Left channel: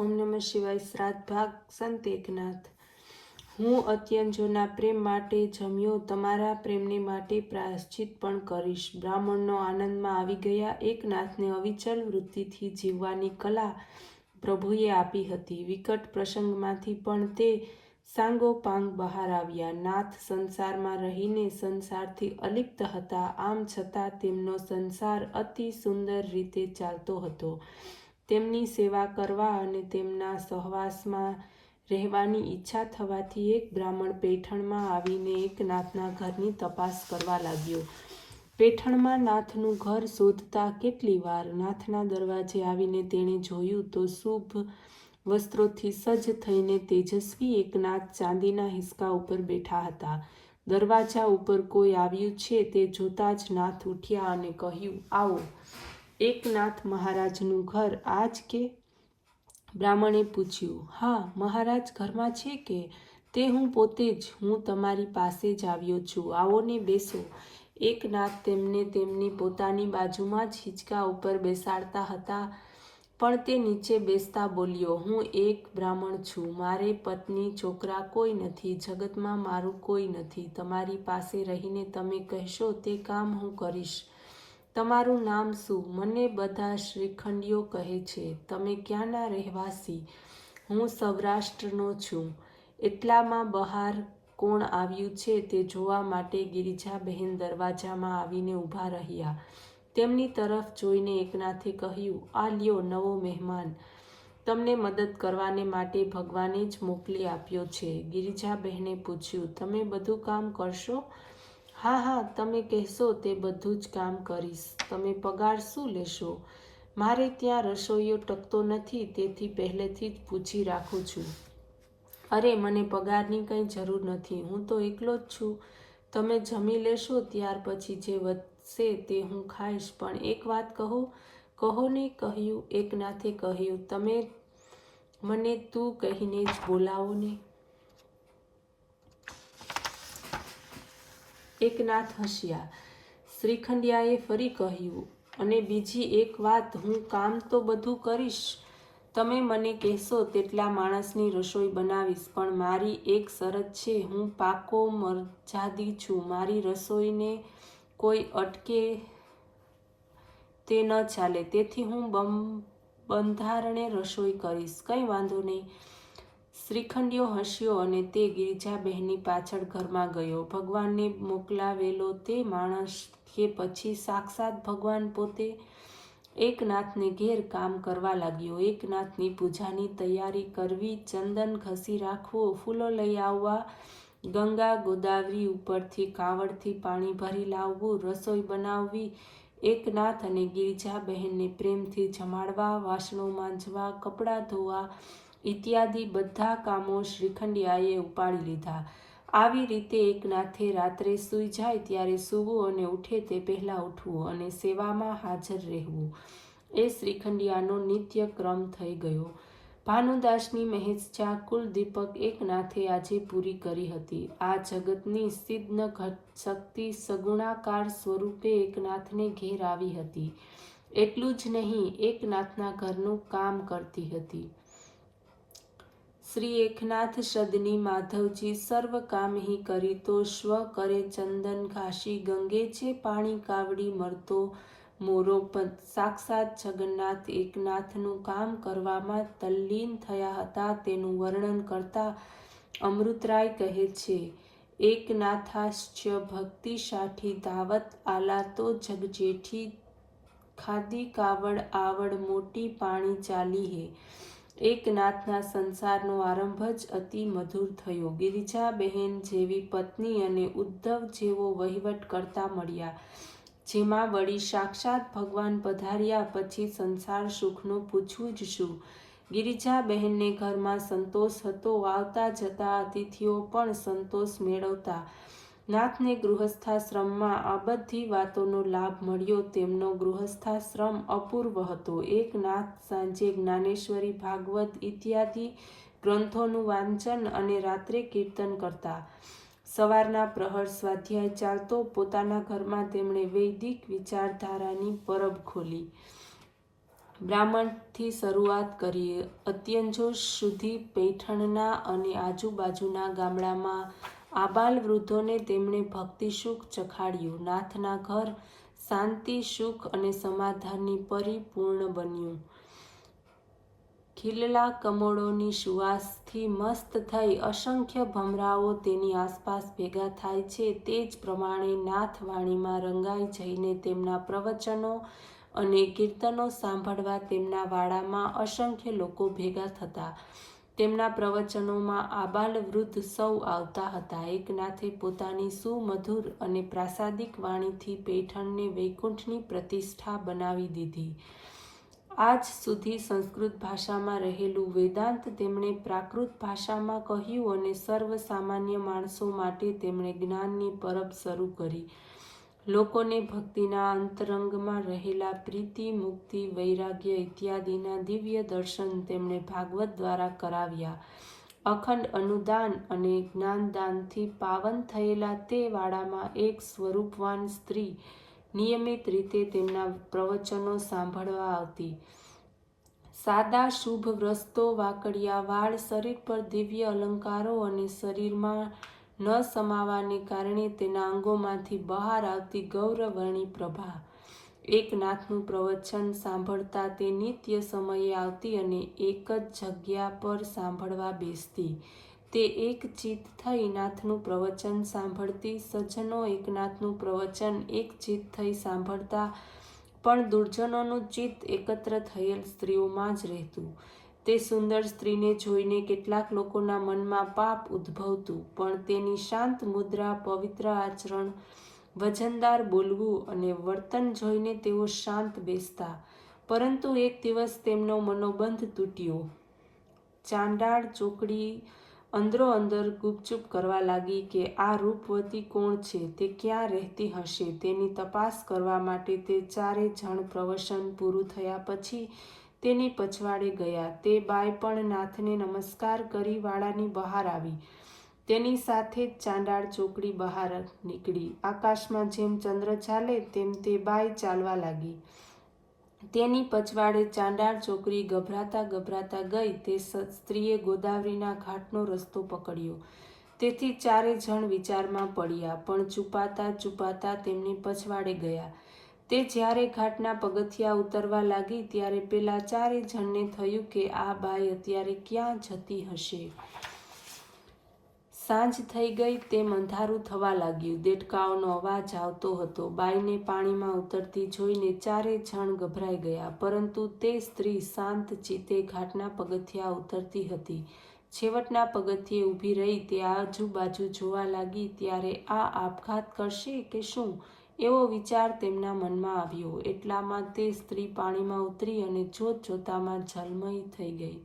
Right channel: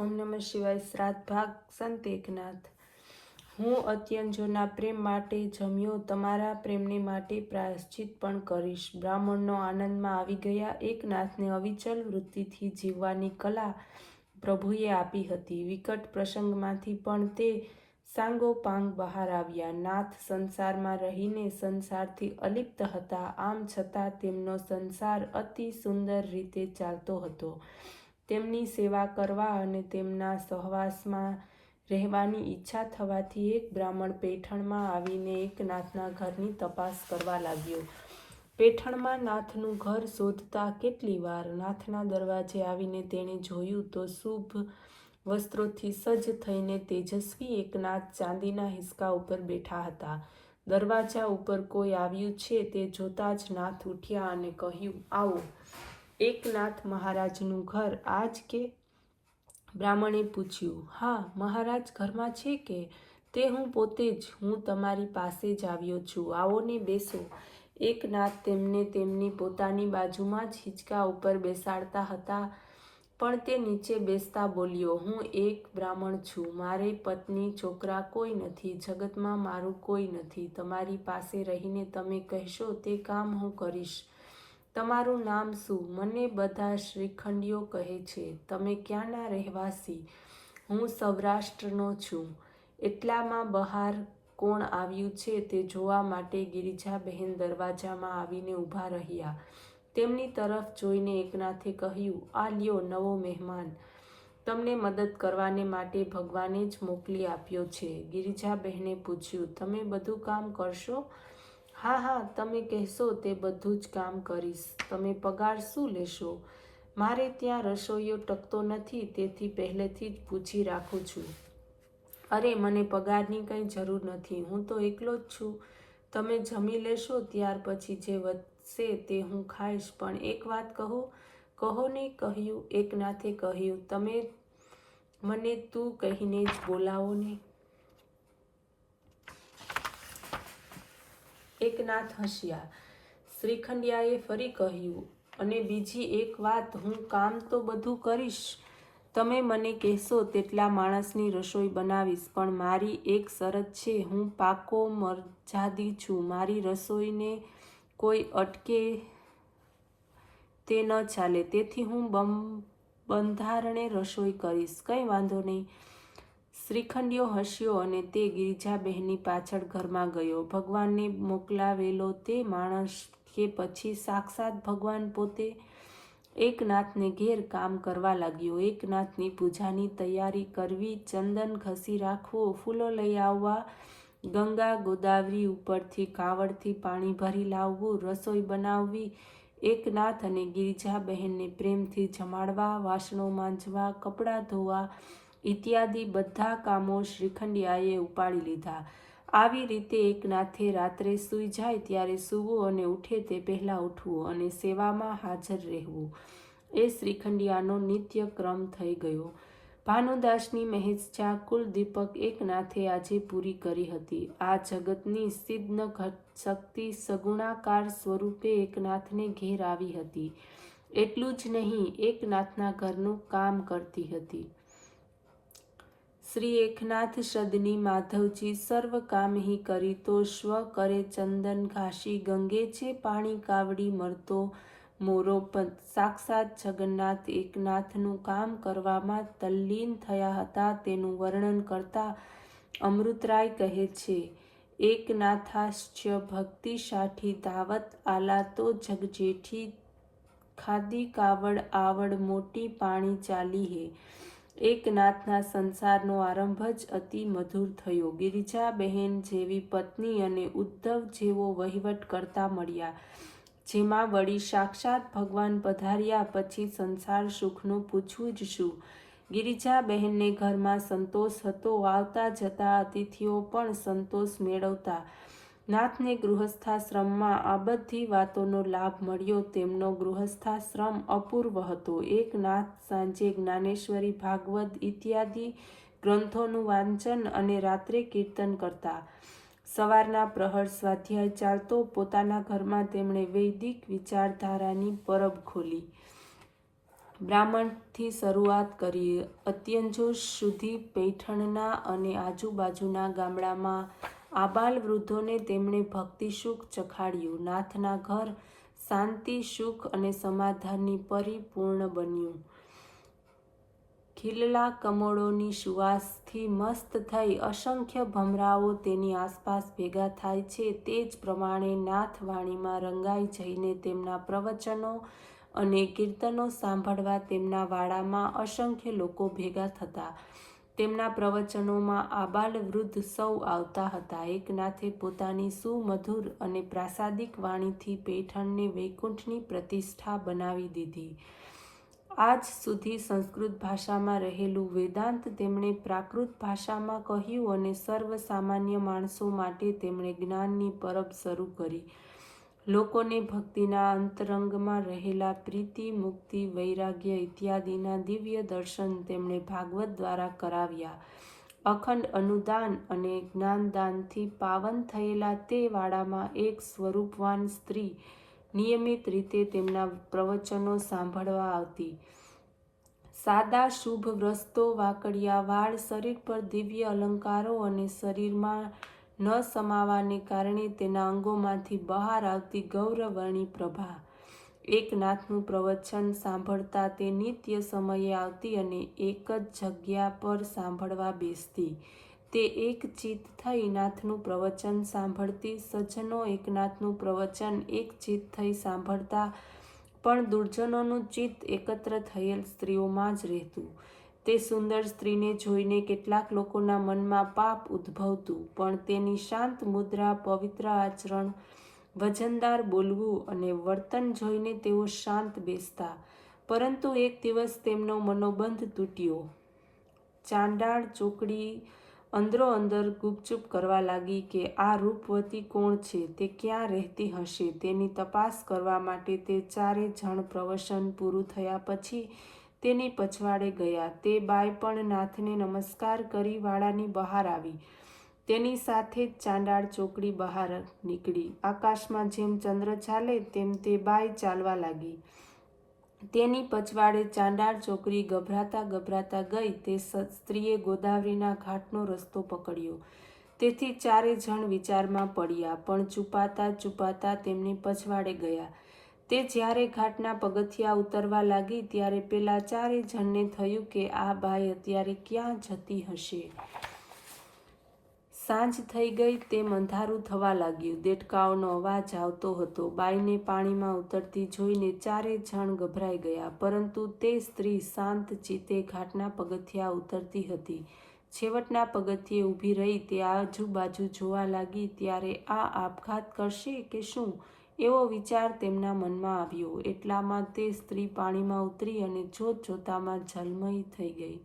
ઓમ નમઃ શિવાય. શ્રાદ્ધ ભાગ. સંત એકનાથ. હું અત્યંજોના પ્રેમ માટે જમ્યો, તમારા પ્રેમને માટે પ્રાયશ્ચિત પણ કરીશ. બ્રાહ્મણનો આનંદમાં આવી ગયા. એકનાથને અવિચલ વૃત્તિથી જીવવાની કલા પ્રભુએ આપી હતી. વિકટ પ્રસંગમાંથી પણ તે સાંગોપાંગ બહાર આવ્યા. નાથ સંસારમાં રહીને સંસારથી અલિપ્ત હતા, આમ છતાં તેમનો સંસાર અતિ સુંદર રીતે ચાલતો હતો. તેમની સેવા કરવા અને તેમના સહવાસમાં રહેવાની ઈચ્છા થવાથી એક બ્રાહ્મણ પેઠણમાં આવીને એકનાથના ઘરની તપાસ કરવા લાગ્યો. પેઠણમાં નાથનું ઘર શોધતા કેટલી વાર. નાથના દરવાજે આવીને તેણે જોયું તો શુભ વસ્ત્રોથી સજ્જ થઈને તેજસ્વી એકનાથ ચાંદીના હિંચકા ઉપર બેઠા હતા. દરવાજા ઉપર કોઈ આવ્યું છે તે જોતા જ નાથ ઉઠ્યા અને કહ્યું, આવો. એકનાથ મહારાજનું ઘર આ જ કે? બ્રાહ્મણે પૂછ્યું. હા, મહારાજ ઘરમાં છે કે? તે હું પોતે જ. હું તમારી પાસે જ આવ્યો છું. આવો ને, બેસો. એકનાથ તેમને તેમની પોતાની બાજુમાં જ હિંચકા ઉપર બેસાડતા હતા, પણ તે નીચે બેસતા બોલ્યો, હું એક બ્રાહ્મણ છું. મારે પત્ની છોકરા કોઈ નથી. જગતમાં મારું કોઈ નથી. તમારી પાસે રહીને તમે કહેશો તે કામ હું કરીશ. તમારું નામ શું? મને બધા શ્રીખંડીઓ કહે છે. તમે ક્યાંના રહેવાસી? હું સૌરાષ્ટ્રનો છું. એટલામાં બહાર કોણ આવ્યું છે તે જોવા માટે ગિરિજાબહેન દરવાજામાં આવીને ઊભા રહ્યા. તેમની તરફ જોઈને એકનાથે કહ્યું, આ લ્યો નવો મહેમાન. તમને મદદ કરવાને માટે ભગવાને જ મોકલી આપ્યો છે. ગિરિજાબહેને પૂછ્યું, તમે બધું કામ કરશો? હા હા, તમે કહેશો તે બધું જ કામ કરીશ. તમે પગાર શું લેશો? મારે ત્યાં રસોઈયો ટકતો નથી, તેથી પહેલેથી જ પૂછી રાખું છું. અરે, મને પગારની કંઈ જરૂર નથી. હું તો એકલો જ છું. તમે જમી લેશો, ત્યાર પછી જે વધશે તે હું ખાઈશ. પણ એક વાત કહું? કહો ને. કહ્યું. એકનાથે કહ્યું, તમે મને તું કહીને જ બોલાવો ને. એકનાથ હસ્યા. શ્રીખંડિયાએ ફરી કહ્યું, અને બીજી એક વાત, હું કામ તો બધું કરીશ. તમે મને કહેશો તેટલા માણસની રસોઈ બનાવીશ, પણ મારી એક શરત છે. હું પાકો મરજાદી છું. મારી રસોઈને કોઈ અટકે તે ન ચાલે. તેથી હું બંધારણે રસોઈ કરીશ. કંઈ વાંધો નહીં. શ્રીખંડિયો હસ્યો અને તે ગિરિજાબહેનની પાછળ ઘરમાં ગયો. ભગવાનને મોકલાવેલો તે માણસ કે પછી સાક્ષાત ભગવાન પોતે એકનાથને ઘેર કામ કરવા લાગ્યો. એકનાથની પૂજાની તૈયારી કરવી, ચંદન ઘસી રાખવું, ફૂલો લઈ આવવા, ગંગા ગોદાવરી ઉપરથી કાવડથી પાણી ભરી લાવવું, રસોઈ બનાવવી, એકનાથ અને ગિરિજાબહેનને પ્રેમથી જમાડવા, વાસણો માંજવા, કપડાં ધોવા ઇત્યાદિ બધા કામો શ્રીખંડિયાએ ઉપાડી લીધા. આવી રીતે એકનાથે રાત્રે સૂઈ જાય ત્યારે સૂવું અને ઉઠે તે પહેલાં ઉઠવું અને સેવામાં હાજર રહેવું એ શ્રીખંડિયાનો નિત્ય ક્રમ થઈ ગયો. ભાનુદાસની મહેચ્છા કુલદીપક એકનાથે આજે પૂરી કરી હતી. આ જગતની સિદ્ધ શક્તિ સગુણાકાર સ્વરૂપે એકનાથને ઘેર આવી હતી. એટલું જ નહીં, એકનાથના ઘરનું કામ કરતી હતી. શ્રી એકનાથ સદની માધવજી સર્વ કામ હી કરી તો સ્વ કરે ચંદન ઘાસી ગંગે છે પાણી કાવડી મરતો મોરો પંત. સાક્ષાત જગન્નાથ એકનાથનું કામ કરવામાં તલ્લીન થયા હતા. તેનું વર્ણન કરતા અમૃતરાય કહે છે, એકનાથાશ્ચ ભક્તિ સાઠી દાવત આલા તો જગજેઠી ખાદી કાવડ આવડ મોટી પાણી ચાલી હે. એકનાથના સંસારનો આરંભ જ અતિ મધુર થયો. ગિરિજાબહેન જેવી પત્ની અને ઉદ્ધવ જેવો વહીવટ કરતા મળ્યા, જેમાં વળી સાક્ષાત ભગવાન પધાર્યા પછી સંસાર સુખનું પૂછવું જ શું. ગિરિજાબહેનને ઘરમાં સંતોષ હતો. આવતા જતા અતિથિઓ પણ સંતોષ મેળવતા. નાથને ગૃહસ્થાશ્રમમાં આ બધી વાતોનો લાભ મળ્યો. તેમનો ગૃહસ્થાશ્રમ અપૂર્વ હતો. એક નાથ સાંજે જ્ઞાનેશ્વરી, ભાગવત ઇત્યાદિ ગ્રંથોનું વાંચન અને રાત્રે કીર્તન કરતા. સવારના પ્રહર સ્વાધ્યાય ચાલતો. પોતાના ઘરમાં તેમણે વૈદિક વિચારધારાની પરબ ખોલી. બ્રાહ્મણથી શરૂઆત કરી અત્યંજો સુધી પૈઠણના અને આજુબાજુના ગામડામાં આબાલ વૃદ્ધોને તેમણે ભક્તિ સુખ ચખાડ્યું. નાથના ઘર શાંતિ, સુખ અને સમાધાનની પરિપૂર્ણ બન્યું. ખીલેલા કમળોની સુવાસથી મસ્ત થઈ અસંખ્ય ભમરાઓ તેની આસપાસ ભેગા થાય છે. તે જ પ્રમાણે નાથ વાણીમાં રંગાઈ જઈને તેમના પ્રવચનો અને કીર્તનો સાંભળવા તેમના વાડામાં અસંખ્ય લોકો ભેગા થતા. તેમના પ્રવચનોમાં આબાલ વૃદ્ધ સૌ આવતા હતા. એકનાથે પોતાની સુમધુર અને પ્રાસાદિક વાણીથી પૈઠણને વૈકુંઠની પ્રતિષ્ઠા બનાવી દીધી. આજ સુધી સંસ્કૃત ભાષામાં રહેલું વેદાંત તેમણે પ્રાકૃત ભાષામાં કહ્યું અને સર્વ સામાન્ય માણસો માટે તેમણે જ્ઞાનની પરબ શરૂ કરી. લોકોને ભક્તિના અંતરંગમાં રહેલા પ્રીતિ, મુક્તિ, વૈરાગ્ય ઇત્યાદિના દિવ્ય દર્શન તેમણે ભાગવત દ્વારા કરાવ્યા. અખંડ અનુદાન અને જ્ઞાનદાનથી પાવન થયેલા તે વાડામાં એક સ્વરૂપવાન સ્ત્રી નિયમિત રીતે તેમના પ્રવચનો સાંભળવા આવતી. સાદા શુભ વસ્ત્રો, વાકડિયા વાળ, શરીર પર દિવ્ય અલંકારો અને શરીરમાં ન સમાવાને કારણે તેના અંગોમાંથી બહાર આવતી ગૌરવર્ણી પ્રભા. એકનાથનું પ્રવચન સાંભળતા તે નિત્ય સમયે આવતી અને એક જ જગ્યા પર સાંભળવા બેસતી. તે એક ચિત્ત થઈ નાથનું પ્રવચન સાંભળતી. સજ્જનો એકનાથનું પ્રવચન એક ચિત્ત થઈ સાંભળતા, પણ દુર્જનોનું ચિત્ત એકત્ર થયેલ સ્ત્રીઓમાં જ રહેતું. તે સુંદર સ્ત્રીને જોઈને કેટલાક લોકોના મનમાં પાપ ઉદ્ભવતું, પણ તેની શાંત મુદ્રા, પવિત્ર આચરણ, વજનદાર બોલવું અને વર્તન જોઈને તેઓ શાંત બેસતા. પરંતુ એક દિવસ તેમનો મનોબંધ તૂટ્યો. ચાંડાળ ચોકડી અંદરોઅંદર ગુપચુપ કરવા લાગી કે આ રૂપવતી કોણ છે, તે ક્યાં રહેતી હશે. તેની તપાસ કરવા માટે તે ચારે જણ પ્રવચન પૂરું થયા પછી તેની પછવાડે ગયા. તે બાઈ પણ નાથને નમસ્કાર કરી વાડાની બહાર આવી. તેની સાથે જ ચાંડાળ ચોકડી બહાર નીકળી. આકાશમાં જેમ ચંદ્ર ચાલે તેમ તે બાઈ ચાલવા લાગી. તેની પછવાડે ચાંડાળ ચોકડી ગભરાતા ગભરાતા ગઈ. તે સ્ત્રીએ ગોદાવરીના ઘાટનો રસ્તો પકડ્યો. તેથી ચારે જણ વિચારમાં પડ્યા, પણ છુપાતા તેમની પછવાડે ગયા. તે જ્યારે ઘાટના પગથિયા ઉતરવા લાગી ત્યારે પેલા ચારે જણને થયું કે આ બાઈ અત્યારે ક્યાં જતી હશે. સાંજ થઈ ગઈ તેમ અંધારું થવા લાગ્યું. દેડકાઓનો અવાજ આવતો હતો. બાઈને પાણીમાં ઉતરતી જોઈને ચારે જણ ગભરાઈ ગયા. પરંતુ તે સ્ત્રી શાંત ચિત્તે ઘાટના પગથિયા ઉતરતી હતી. છેવટના પગથિયે ઊભી રહી તે આજુબાજુ જોવા લાગી. ત્યારે આ આપઘાત કરશે કે શું, એવો વિચાર તેમના મનમાં આવ્યો. એટલામાં તે સ્ત્રી પાણીમાં ઉતરી અને જોતજોતામાં જલમયી થઈ ગઈ.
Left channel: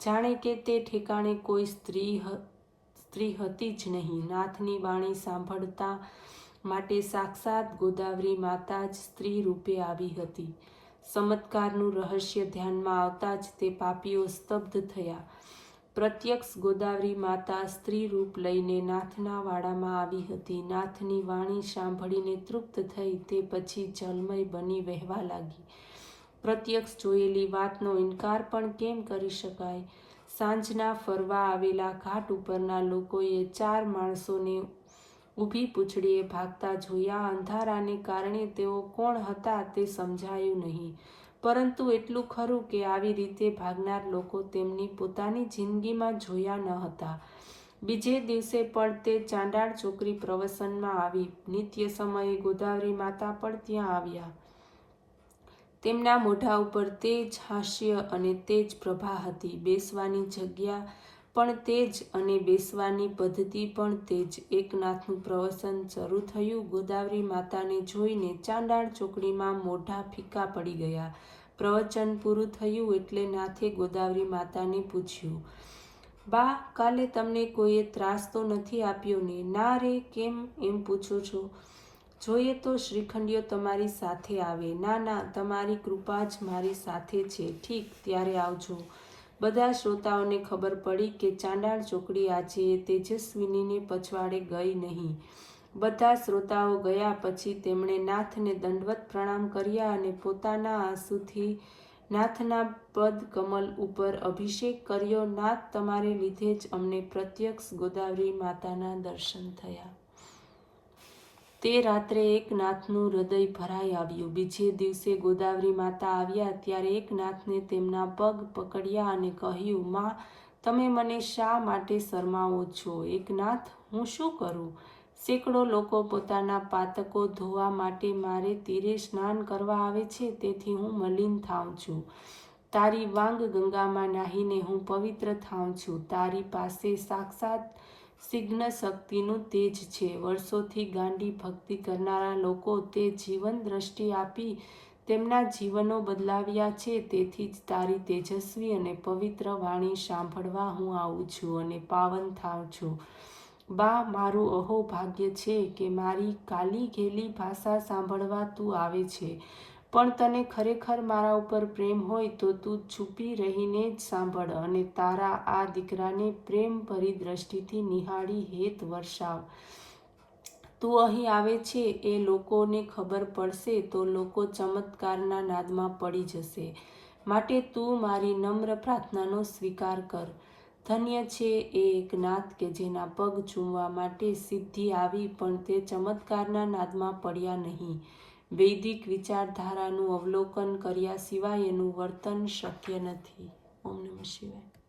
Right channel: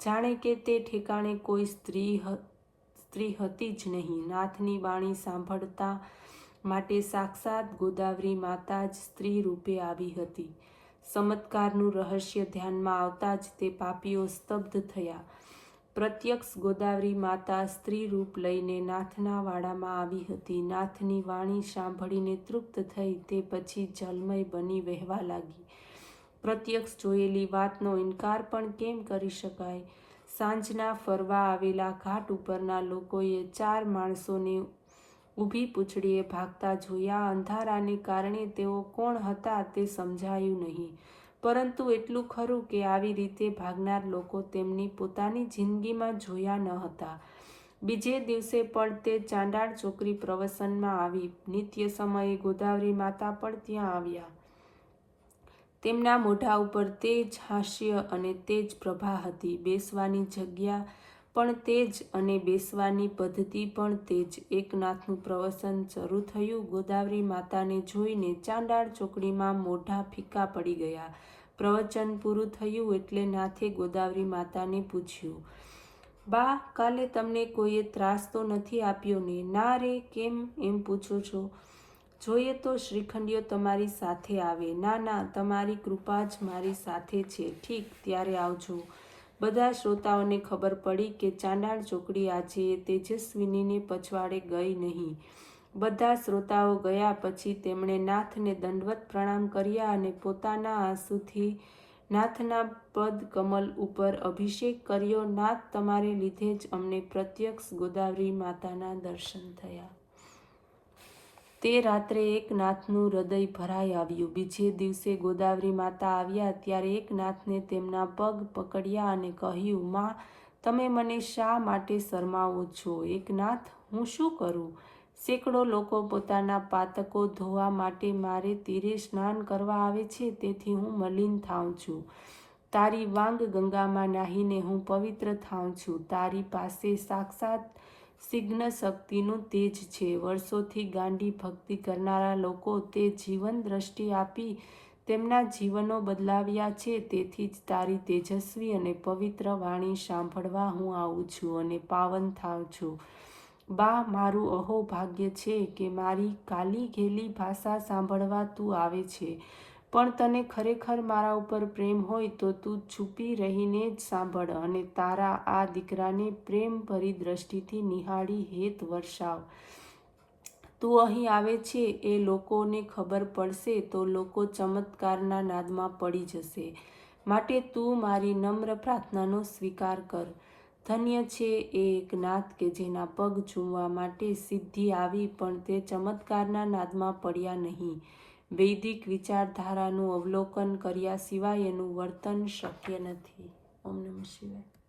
જાણે કે તે ઠેકાણે કોઈ સ્ત્રી હતી જ નહીં. નાથની વાણી સાંભળતા માટે સાક્ષાત ગોદાવરી માતા જ સ્ત્રી રૂપે આવી હતી. ચમત્કારનું રહસ્ય ધ્યાનમાં આવતા જ તે પાપીઓ સ્તબ્ધ થયા. પ્રત્યક્ષ ગોદાવરી માતા સ્ત્રી રૂપ લઈને નાથના વાડામાં આવી હતી. નાથની વાણી સાંભળીને તૃપ્ત થઈ તે પછી જલમય બની વહેવા લાગી. પ્રત્યક્ષ જોયેલી વાતનો ઇનકાર પણ કેમ કરી શકાય. સાંજના ફરવા આવેલા ઘાટ ઉપરના લોકોએ ચાર માણસોને ઊભી પૂંછડીએ ભાગતા જોયા. અંધારાને કારણે તેઓ કોણ હતા તે સમજાયું નહીં, પરંતુ એટલું ખરું કે આવી રીતે ભાગનાર લોકો તેમની પોતાની જિંદગીમાં જોયા ન હતા. બીજે દિવસે પણ તે ચાંડાળ ચોકડી પ્રવચનમાં આવી. નિત્ય સમયે ગોદાવરી માતા પણ ત્યાં આવ્યા. તેમના મોઢા ઉપર તેજ હાસ્ય અને તેજ પ્રભા હતી. બેસવાની જગ્યા પણ તેજ અને બેસવાની પદ્ધતિ પણ તેજ. એકનાથનું પ્રવચન શરૂ થયું. ગોદાવરી માતાને જોઈને ચાંડાળ ચોકડીમાં મોઢા ફીકા પડી ગયા. પ્રવચન પૂરું થયું એટલે નાથે ગોદાવરી માતાને પૂછ્યું, બા, કાલે તમને કોઈએ ત્રાસ તો નથી આપ્યો ને? ના રે, કેમ એમ પૂછો છો? જોઈએ તો શ્રીખંડીઓ તમારી સાથે આવે. ના, તમારી કૃપા જ મારી સાથે છે. ઠીક, ત્યારે આવજો. બધા શ્રોતાઓને ખબર પડી કે ચાંડાળ ચોકડી આજે તેજસ્વિનીને પછવાડે ગઈ નહીં. બધા શ્રોતાઓ ગયા પછી તેમણે નાથને દંડવત પ્રણામ કર્યા અને પોતાના આંસુથી નાથના પદ કમલ ઉપર અભિષેક કર્યો. નાથ તમારે લીધે જ અમને પ્રત્યક્ષ ગોદાવરી માતાના દર્શન થયા. તે રાત્રે એકનાથનું હૃદય ભરાઈ આવ્યું. બીજે દિવસે ગોદાવરી માતા આવ્યા ત્યારે એકનાથને તેમના પગ પકડ્યા અને કહ્યું, માં, તમે મને શા માટે શરમાવો છો? એકનાથ, હું શું કરું? સેંકડો લોકો પોતાના પાતકો ધોવા માટે મારે તીરે સ્નાન કરવા આવે છે, તેથી હું મલિન થાઉં છું. તારી વાંગ ગંગામાં નાહીને હું પવિત્ર થાઉં છું. તારી પાસે સાક્ષાત સિગ્ન શક્તિનું તેજ છે. વર્ષોથી ગાંડી ભક્તિ કરનારા લોકો તે જીવન દ્રષ્ટિ આપી તેમના જીવનો બદલાવ્યા છે. તેથી જ તારી તેજસ્વી અને પવિત્ર વાણી સાંભળવા હું આવું છું અને પાવન થાઉં છું. બા, મારું અહોભાગ્ય છે કે મારી કાલી ઘેલી ભાષા સાંભળવા તું આવે છે. પણ તને ખરેખર મારા ઉપર પ્રેમ હોય તો તું છુપી રહીને જ સાંભળ અને તારા આ દીકરાને પ્રેમ ભરી દ્રષ્ટિથી નિહાળી હેત વર્ષાવ. તું અહીં આવે છે એ લોકોને ખબર પડશે તો લોકો ચમત્કારના નાદમાં પડી જશે. માટે તું મારી નમ્ર પ્રાર્થનાનો સ્વીકાર કર. ધન્ય છે એ એકનાથ કે જેના પગ ચૂમવા માટે સિદ્ધિ આવી પણ તે ચમત્કારના નાદમાં પડ્યા નહીં. વૈદિક વિચારધારાનું અવલોકન કર્યા સિવાય એનું વર્તન શક્ય નથી. ઓમ નમઃ શિવાય.